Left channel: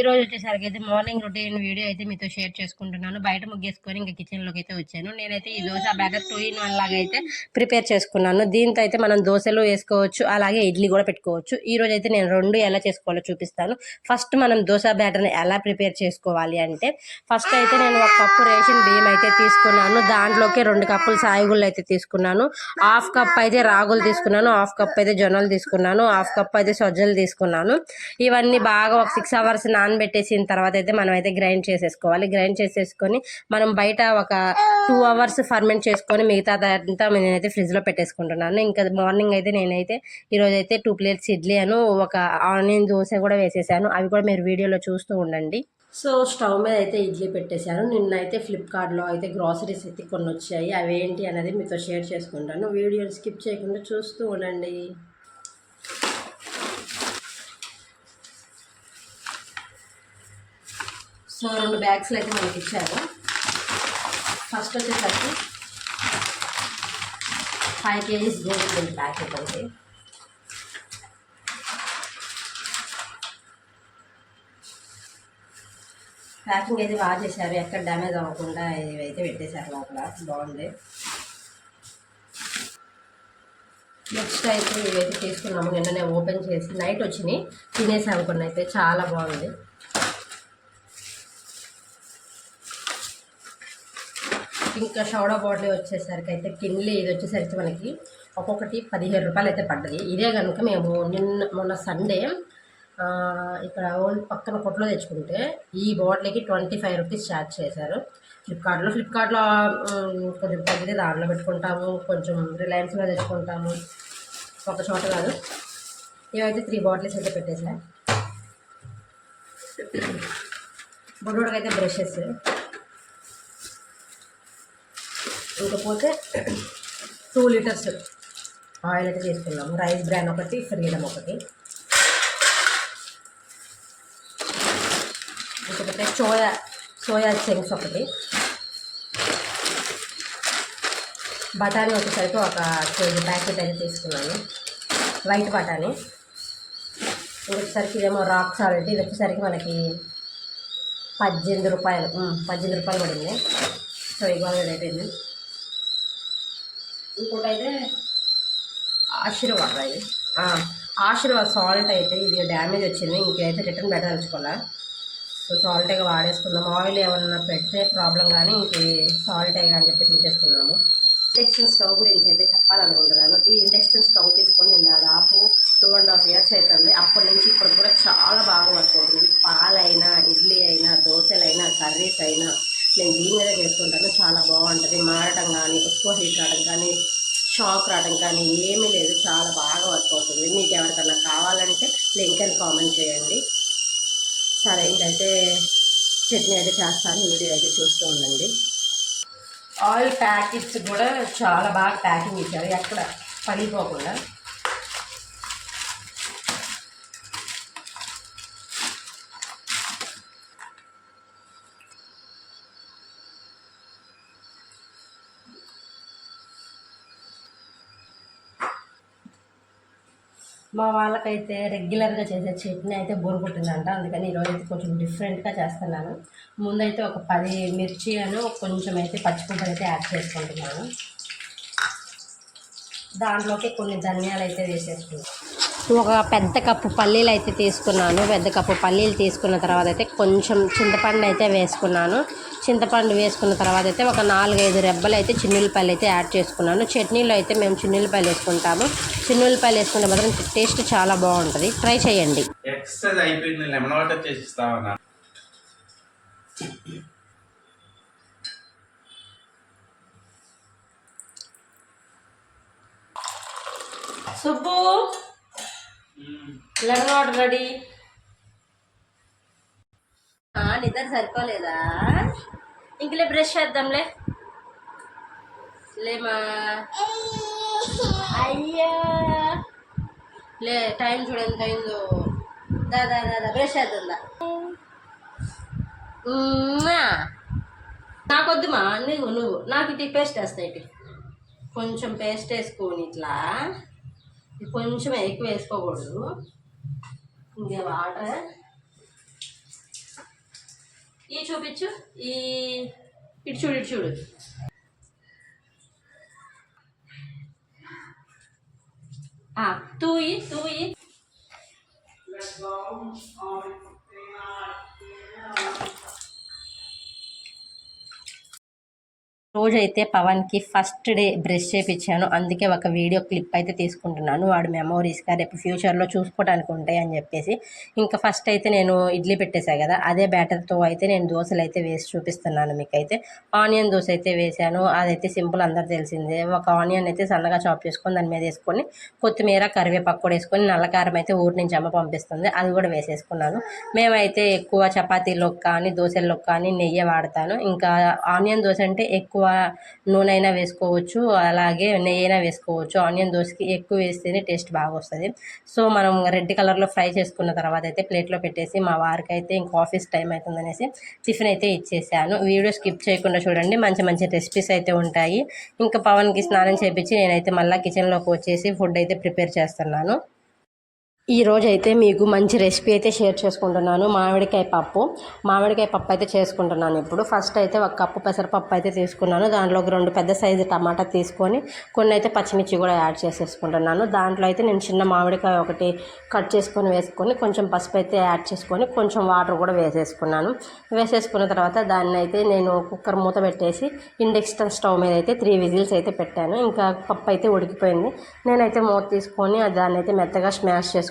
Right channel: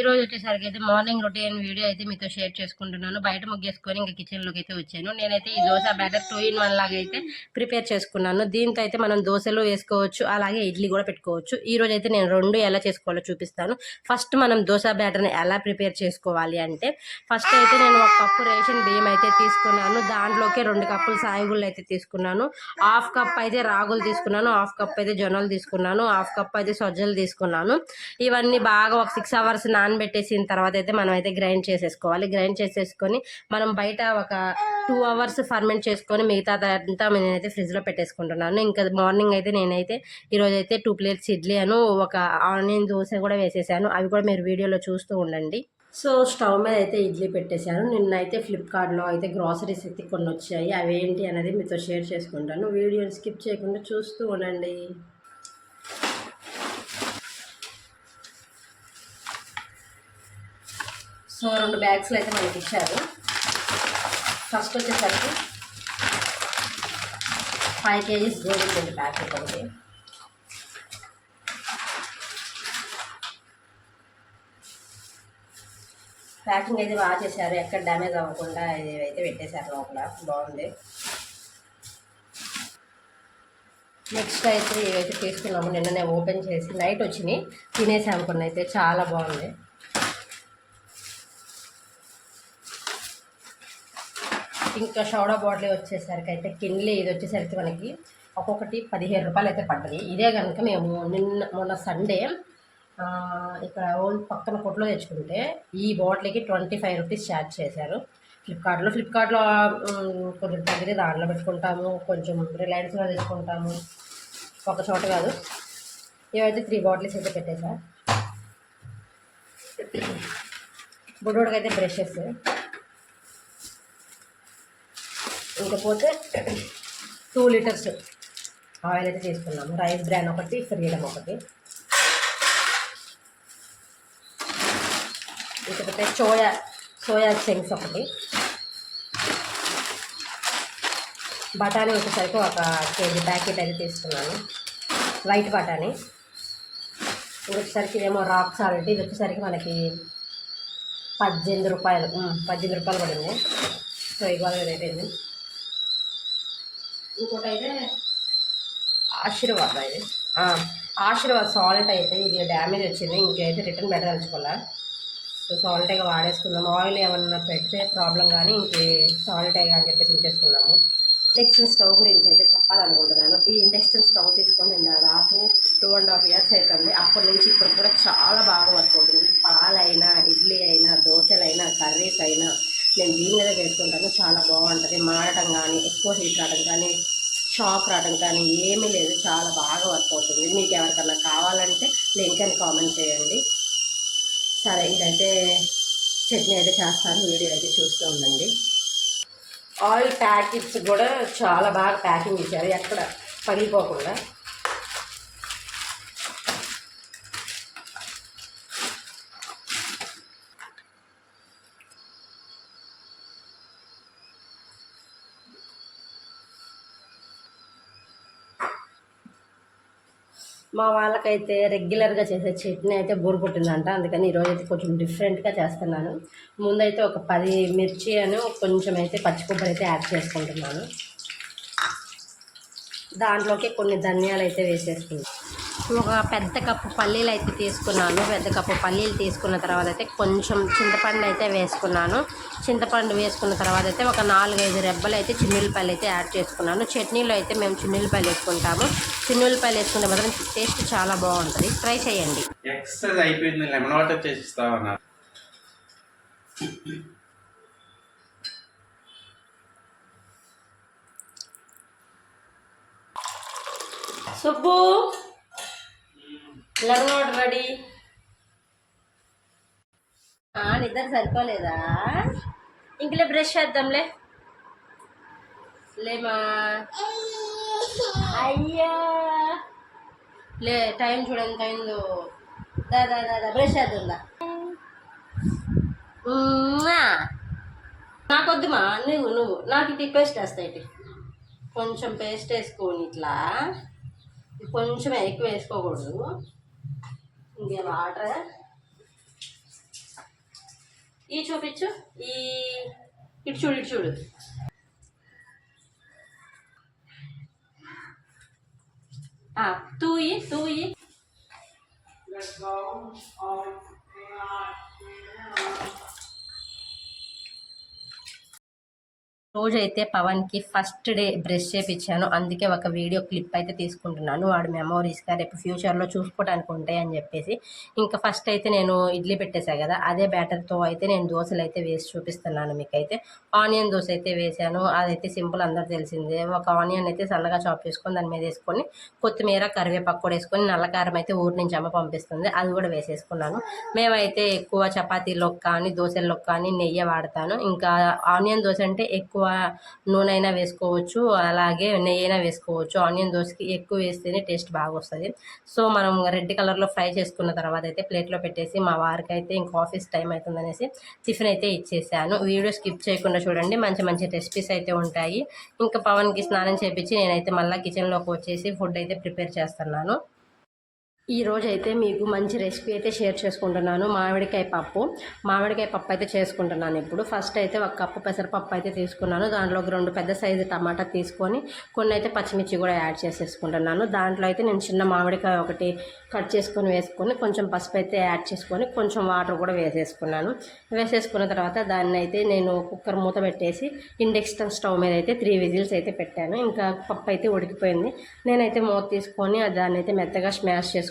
ఈరోజు వచ్చేసరికి అయితే మార్నింగ్ రొటీన్ వీడియో అయితే మీతో షేర్ చేసుకుంటున్నాను. బయట ముగ్గేసుకొని ఇంక కిచెన్‌లోకి అయితే వచ్చాను. నేనైతే ఈ దోస బ్యాటర్ 2 ఇన్ 1 లాగా అయితే ప్రిపేర్ చేసుకున్నాను. దీంతో అయితే మనం దోసలు వేసుకోవచ్చు, అలాగే ఇడ్లీ కూడా పెట్టుకోవచ్చు. ఈరోజు అయితే నేను 2 ఎలా చేసుకోవాలో చూపిస్తాను. ఫస్ట్ మనం దోస బ్యాటర్‌ని ఎలా ప్రిపేర్ చేసుకోవాలి అంటే, ఫస్ట్ అయితే నేను 1 కప్పు రేషన్ బియ్యం అయితే తీసుకున్నాను. దాంట్లోకి 2 కప్పులు సాయిగుళ్ళు అయితే తీసుకున్నాను. హాఫ్ కప్ అయితే రాగులు తీసుకున్నాను. హాఫ్ కప్ అయితే జొన్నలు తీసుకున్నాను. హాఫ్ కప్ అయితే సజ్జలు తీసుకున్నాను. ఇవన్నీ బాగా ఒక 6 అవర్స్ నానబెట్టేసిన తర్వాత అయితే మనం అయితే గ్రైండ్ చేసేసుకోవాలి. గ్రైండ్ చేసేసుకొని మనం బయట ఒక 2 అవర్స్ ఫర్మెంట్ చేసుకొని మిగతా అంతా నేనైతే ఫ్రిడ్జ్లో పెట్టేసుకుంటున్నాను. ఇంకా మార్నింగ్ అయితే నేనైతే ఈరోజైతే 2 ప్లేట్స్ ఇడ్లీ ఒక ఆనియన్ దోశ కూడా వేసేసాను. అవి కూడా మీరు వీడియోలో చూస్తూ ఉండండి. సో స్టవ్ మీద అయితే ఇడ్లీ పెట్టేశాను. నిన్నైతే ఫ్లిప్కార్ట్లో అయితే గ్రాసరీస్ అయితే కొన్ని వచ్చాయి. అవేంటి అనేది మీతో షేర్ చేసుకుంటాను. వీడియోని స్కిప్ చేయకుండా చూస్తూ ఉండండి. సో 2 బ్యాగ్స్లో అయితే మనకి ఇచ్చారు. ఫస్ట్ వచ్చేసరికి 5 kgs గోధుమ పిండి ప్యాకెట్ ఒకటి, ప్యాకింగ్ అయితే బాగా చేశారు, ఎక్కడ డ్యామేజ్ అవ్వకుండా ఇవైతే పెట్టేశారు లోపల, బాగుంది. నెక్స్ట్ అయితే ఇవైతే తీసుకున్నాము. నిన్ననే ఓపెన్ చేసి నైట్ వచ్చినాయి, తినేసాము కొన్ని అయితే, చాలా బాగుంది. ఇంకా సోడా బాటిల్ వచ్చేసరికి అయితే కిన్లీ ఇది వచ్చేసరికి మనకి ఒక్కొక్కటి 15 రూపాయలు అయితే పడ్డది. ఇదే కనుక మేము మొన్న సండే ఇక్కడ పక్కన కొట్లో తెచ్చుకుంటే ఈ బాటిల్కి 25 రూపీస్ ఛార్జ్ చేశారు ఫ్లిప్కార్ట్లో కొంచెం తగ్గితే దాంట్లో పెట్టుకుంటాము, కొంచెం రిలయన్స్లో తెచ్చుకుంటాము, ఒక చోట కాదు. ఇవైతే 3 బాటిల్స్ అయితే పెట్టేశారు. బుడ్డోడికి అయితే బ్రషెస్, ఇంకపోతే 2 లీటర్స్ ఆయిల్ అయితే తీసుకున్నాము. రైస్ బ్రాన్ ఒకటి, ఫ్రీడమ్ ఒకటి, ఇంకొకటి సోయా చంక్స్ ఒకటి, బఠానీ వచ్చేసరికి ఒక కేజీ ప్యాకెట్ అయితే తీసుకున్నాను, వైట్ బఠానీ. వచ్చేసరికి ఇదేమో రాక్ సాల్ట్, ఇది వచ్చేసరికి మనకి 18 రూపాయలు పడింది. సో ఇవాళ రేట్ అయింది. ఇంకోటి అయితే ఆశీర్వాద్ సాల్ట్ అయితే ఇది డ్యామేజ్ వచ్చింది, ఇంకైతే రిటర్న్ పెట్టదలుచుకోలే. సో సాల్టే వాడేసుకుందాం. ఆయిల్ ఏమన్నా పెడితే ప్రాబ్లం, కానీ ఇంకే సాల్టే అని చెప్పేసి ఉంచేసుకున్నాము. ఇండక్షన్ స్టవ్ గురించి అయితే చెప్పాలనుకుంటున్నాను. ఈ ఇండక్షన్ స్టవ్ తీసుకొని నేను దాదాపు 2.5 years అవుతుంది. అప్పటి నుంచి ఇప్పుడు కూడా చాలా బాగా వర్క్ అవుతుంది. పాలైనా, ఇడ్లీ అయినా, దోశలైనా, కర్రీస్ అయినా నేను దీని మీద చేసుకుంటాను. చాలా బాగుంటుంది. మారటం కానీ, ఎక్కువ హీట్ రావడం కానీ, షాక్ రావడం కానీ ఏమీ లేదు. చాలా బాగా వర్క్ అవుతుంది. మీకు ఎవరికన్నా కావాలంటే లింక్ అని కామెంట్ చేయండి. సరే, ఇంకైతే చట్నీ అయితే చేస్తాను. వీడియో అయితే చూస్తూ ఉండండి. ఆయిల్ ప్యాకెట్స్ కూడా చాలా బాగా ప్యాకింగ్ ఇచ్చారు, ఎక్కడ పగిలిపోకుండా. మా వాళ్ళకైతే రెగ్యులర్గా చేసే చట్నీ అయితే బోర్ కొట్టిందంట, అందుకని ఈరోజు అయితే కొంచెం డిఫరెంట్గా చేస్తున్నాను. ముందైతే ఒక 10 మిర్చి కొంచెం అయితే పచ్చి కొబ్బరి అయితే యాడ్ చేసుకుంటున్నాను. దాంట్లోకి కొన్ని ధనియాలు అయితే వేసేసుకున్నాను. ఒక పెద్ద కప్పు పల్లీలు అయితే తీసుకున్నాను. పెద్ద కప్పు పల్లీలు తీసుకున్న తర్వాత అయితే కొంచెం చింతపండు అయితే వేసుకున్నాను. చింతపండు వేసుకున్న తర్వాత అయితే ఒక 4-5 రెబ్బలు అయితే చిన్నులపాయలు అయితే యాడ్ చేసుకున్నాను. చట్నీలో అయితే మేము చిన్నులపాయలు వేసుకుంటాము. చిన్నులపాయలు వేసుకుంటే మాత్రం టేస్ట్ చాలా బాగుంటుంది, ట్రై చేయండి. Subbu, lemon water ready. నిద్ర సరిపోలేదా? ఇంకలే బ్రష్ చేద్దాంలే, లేమా? అయ్యా లే, టైం చూడండి, ఎంత అయిందో. దాదా బ్రష్ చేద్దా. నాకొద్దుమా, నువ్వు నాకు ఇది పేస్ట్ వేస్తాయి. కొంచెం పేస్ట్ వేసుకొని ఇట్లా, కొంచెం ఎక్కువ వేసుకోకూడదు. ఇంకే వాటర్ ఈ చూపించు, ఈ ఇటు చూడు, ఇటు చూడు. తూయి తూయి. రోజైతే పవన్కి ఫస్ట్ డే బ్రష్ చేయించాను. అందుకే ఒక వీడియో క్లిప్ అయితే తీసుకుంటున్నాను. వాడు మెమోరీస్గా రేపు ఫ్యూచర్లో చూసుకోవడానికి ఉంటాయి అని చెప్పేసి. ఇంకా ఫస్ట్ అయితే నేను ఇడ్లీ పెట్టేశాను కదా, అదే బ్యాటర్తో అయితే నేను దోశలు అయితే వేసి చూపిస్తున్నాను మీకైతే. ఆనియన్ దోశ అయితే వేసాను. అదైతే సింపుల్, అందరు తెలిసిందే. ఒక ఆనియన్ అయితే సన్నగా చాప్ చేసుకొని దాని మీద వేసుకొని కొత్తిమీర కరివేపాకు కూడా వేసుకొని, నల్లకారం అయితే ఊరి నుంచి అమ్మ పంపిస్తుంది, అది కూడా వేసేసుకున్నాను. మేమైతే ఎక్కువ చపాతీలోకి కానీ దోశల్లోకి కానీ నెయ్యి వాడతాను. ఇంకా ఆనియన్ దోశ అంటే ఎక్కువ నూనె అయినా వేసుకోవచ్చు, అలాగే నెయ్యి అయినా వేసుకోవచ్చు. ఆనియన్ దోశకి ఎక్కువ వేస్తేనే టేస్ట్ బాగా వస్తుంది. సో మనం రెడ్ కలర్లో ఫ్రై చేసుకున్న తర్వాత అయితే ప్లేట్లో పెట్టేసి మా వారికి అయితే ఇంకా ఆఫీస్ టైం అవుతుందనేసి టిఫిన్ అయితే ఇచ్చేసాను. వీడియో స్కిప్ చేయకుండా చూడండి, మంచి మంచి రెసిపీస్ అయితే ఉంటాయి. ఇంకా పవన్కి స్నానం చేయించి నేనైతే మళ్ళీ కిచెన్లోకి వచ్చేసి ఫుడ్ అయితే ప్రిపేర్ చేస్తున్నాను. ఈరోజు అయితే మీకు మంచి రెసిపీ అయితే షేర్ చేసుకుంటున్నాను. మామిడికాయ పప్పు అయితే చేసుకుంటున్నాను. ఇప్పుడు ఫస్ట్ అయితే ఒక కప్పు పెసరపప్పు అయితే తీసుకున్నాను. దాంట్లోకి 2 పెద్ద సైజు టమాటా తీసుకొని కొన్ని అయితే పచ్చిమిర్చి కూడా యాడ్ చేసేసుకుంటున్నాను. దాంట్లో అయితే నేను చిన్న మామిడికాయ ఒకటి కట్ చేసుకొని వేసుకొని కొంచెం పసుపు అయితే యాడ్ చేసుకొని కొంచెం వాటర్ కూడా వేసేసుకున్నాను. వేసేసుకున్న తర్వాత దాన్ని అయితే నేను కుక్కర్ మూత పెట్టేసి ఇండక్షన్ స్టవ్ మీద అయితే 3 విజిల్స్ అయితే పెట్టాను. ఇంకా పప్పు అయితే ఉడికిపోయింది. నేనైతే మూత తీసుకొని దాన్ని అయితే మెత్తగా స్మాష్ చేసుకున్నాను.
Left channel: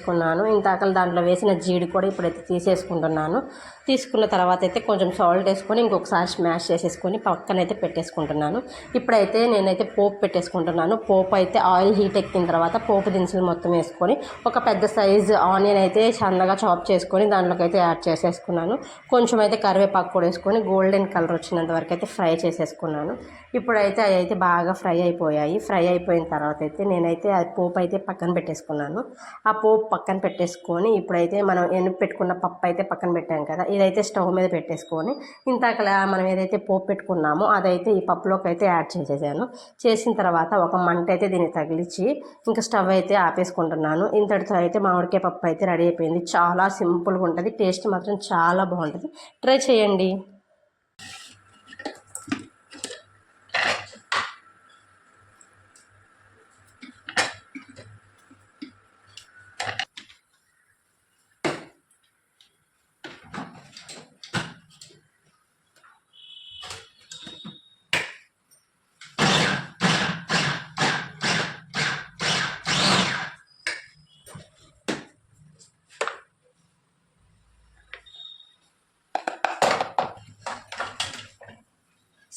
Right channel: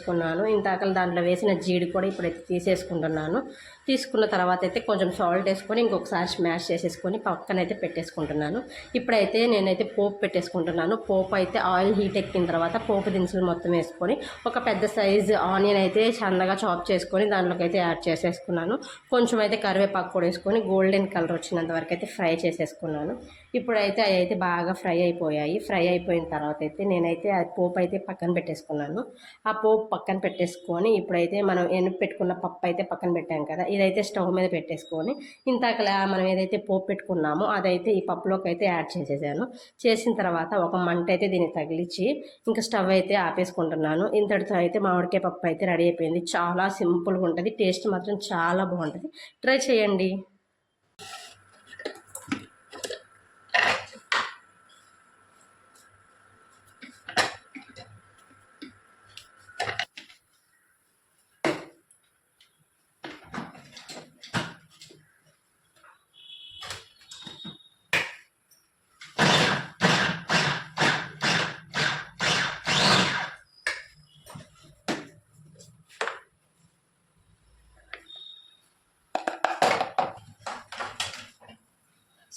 ఇంతాకలు దాంట్లో వేసిన జీడి కూడా ఇప్పుడైతే తీసేసుకుంటున్నాను. తీసుకున్న తర్వాత అయితే కొంచెం సాల్ట్ వేసుకొని ఇంకొకసారి స్మాష్ చేసేసుకొని పక్కనైతే పెట్టేసుకుంటున్నాను. ఇప్పుడైతే నేనైతే పోపు పెట్టేసుకుంటున్నాను. పోపు అయితే ఆయిల్ హీట్ ఎక్కిన తర్వాత పోపు దినుసులు మొత్తం వేసుకొని ఒక పెద్ద సైజు ఆనియన్ అయితే సన్నగా చాప్ చేసుకొని దాంట్లోకి అయితే యాడ్ చేసేసుకున్నాను. కొంచెం అయితే కరివేపాకు కూడా వేసుకొని గోల్డెన్ కలర్ వచ్చినంత వరకు అయితే ఫ్రై చేసేసుకున్నాను. ఇప్పుడైతే అవి అయితే బాగా ఫ్రై అయిపోయాయి. ఫ్రై అయిపోయిన తర్వాత అయితే నేనైతే ఆ పోపు అయితే పక్కన పెట్టేసుకున్నాను. ఆ పోపు పక్కన పెట్టేసుకొని ఇప్పుడైతే మనం ఎనుపు పెట్టుకున్న పప్పు అయితే పక్కన పెట్టాం కదా, ఇదైతే స్టవ్ మీద పెట్టేసుకొని ఇంతకలా మనం ఏదైతే పోపు పెట్టుకున్నామో అదైతే ఈ పప్పులోకి అయితే యాడ్ చేసేసాను. చేసిన తర్వాత ఒక మంట అయితే దీన్ని తగిలించి ఇంకా స్టవ్ అయితే ఆపేసుకుంటున్నాను. ఇంతటితో అయితే మామిడికాయ పప్పు అయితే రెడీ అయిపోయింది. చాలా సింపుల్గా ఉంటుంది, టేస్ట్ మాత్రం చాలా బాగుంటుంది. ట్రై చేయండి.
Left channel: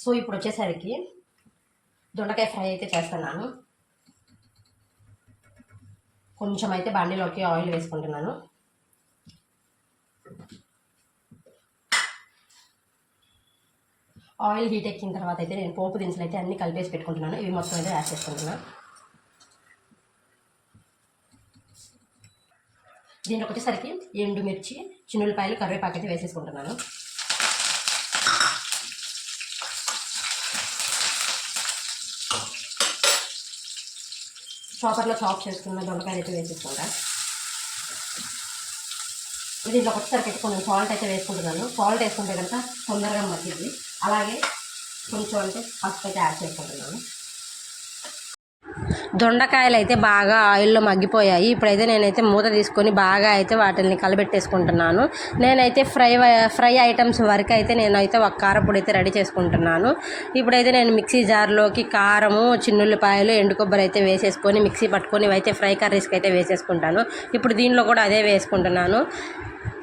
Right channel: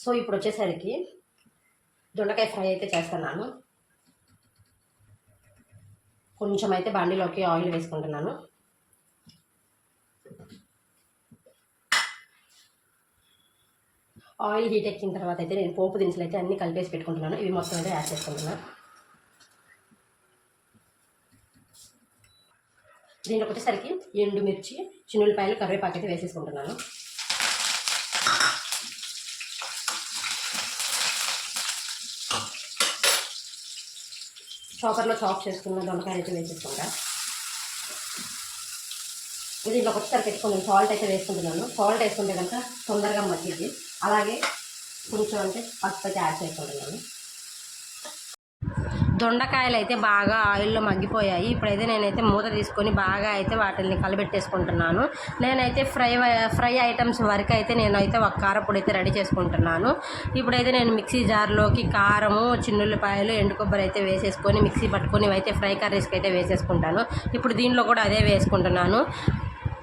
సో ఇప్పుడు వచ్చేసరికి దొండకాయ ఫ్రై అయితే చేస్తున్నాను. కొంచెం అయితే బాండీలోకి ఆయిల్ వేసుకుంటున్నాను. ఆయిల్ హీట్ ఎక్కిన తర్వాత అయితే నేను పోపు దినుసులు అయితే అన్నీ కలిపేసి పెట్టుకుంటున్నాను. ఇవి మొత్తం అయితే యాడ్ చేసుకుంటున్నాను. దీంట్లోకి వచ్చేసరికి ఎండుమిర్చి, చిన్నులపాయలు, కరివేపాకు అయితే వేసేసుకుంటున్నాను. చాపర్లో చాప్ చేసుకున్న దొండకాయలు అయితే వేసేసుకుంటా. దీంట్లో ఒకసారి పెట్టుకుని సాల్ట్ అయితే వేసుకుంటున్నాను. సాల్ట్ వేసుకుంటే కనుక తొందరగా మగ్గిద్ది. అలాగే కొంచెం అంటే పసుపు అయితే యాడ్ చేసుకుంటున్నాను. దొండకాయలు అయితే బాగా ఆయిల్లో మగ్గిపోయాయి. ఇప్పుడైతే నేనైతే మూత తీసుకొని బాగా అయితే వాటిని కలబెట్టేసుకుంటున్నాను. నేనైతే ఫ్రై ఐటమ్స్ వరకు అయితే నేనైతే ఒక కారపొడి అయితే రెడీ చేసుకుంటున్నాను. ఇప్పుడైతే నేను మిక్సీ జార్లోకి కారము, చిన్నుల్లిపాయలు, ఎండు కొబ్బరి అయితే వేసేసుకొని మిక్సీ పట్టుకొని ఇవైతే ఫ్రై కర్రీస్కి అయితే వేసేసుకుంటాను. ఇప్పుడు దీనిలో కూడా అదే వేసుకుంటున్నాను.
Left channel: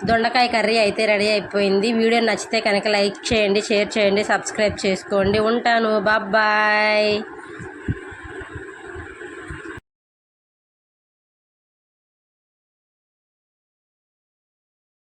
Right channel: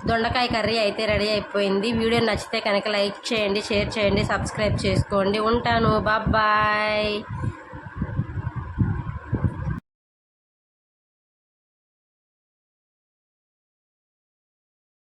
దొండకాయ కర్రీ అయితే రెడీ అయిపోయింది. వీడియో నచ్చితే కనుక లైక్ చేయండి, షేర్ చేయండి, సబ్స్క్రైబ్ చేసుకోండి. ఉంటాను. బాయ్.